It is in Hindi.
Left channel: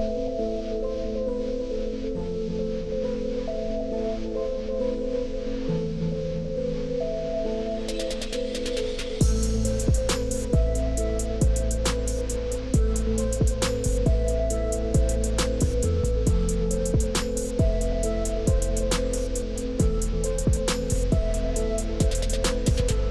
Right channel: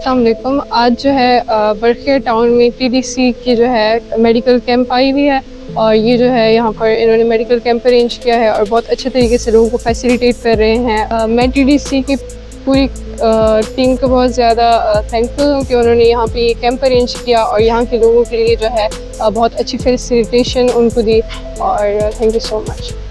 अस्सलाम वालेकुम। आज जो है बरखिया टाउन में टीडीसी की जो है मेडिकल कैंप आई हुई है और ये जो है यहाँ पर इन्होंने मेडिकल कैंप अरेंज किया है और बहुत अच्छे तरीके से लोगों को फैसिलिटेट कर रहे हैं। मैं टीडीसी की पूरी टीम को बहुत ज़्यादा थैंकफुल हूँ कि उन्होंने यहाँ पे ये कैंप अरेंज किया और यहाँ के लोगों के लिए जो है बहुत अच्छी फैसिलिटेशन उनको दी और थैंक यू सो मच।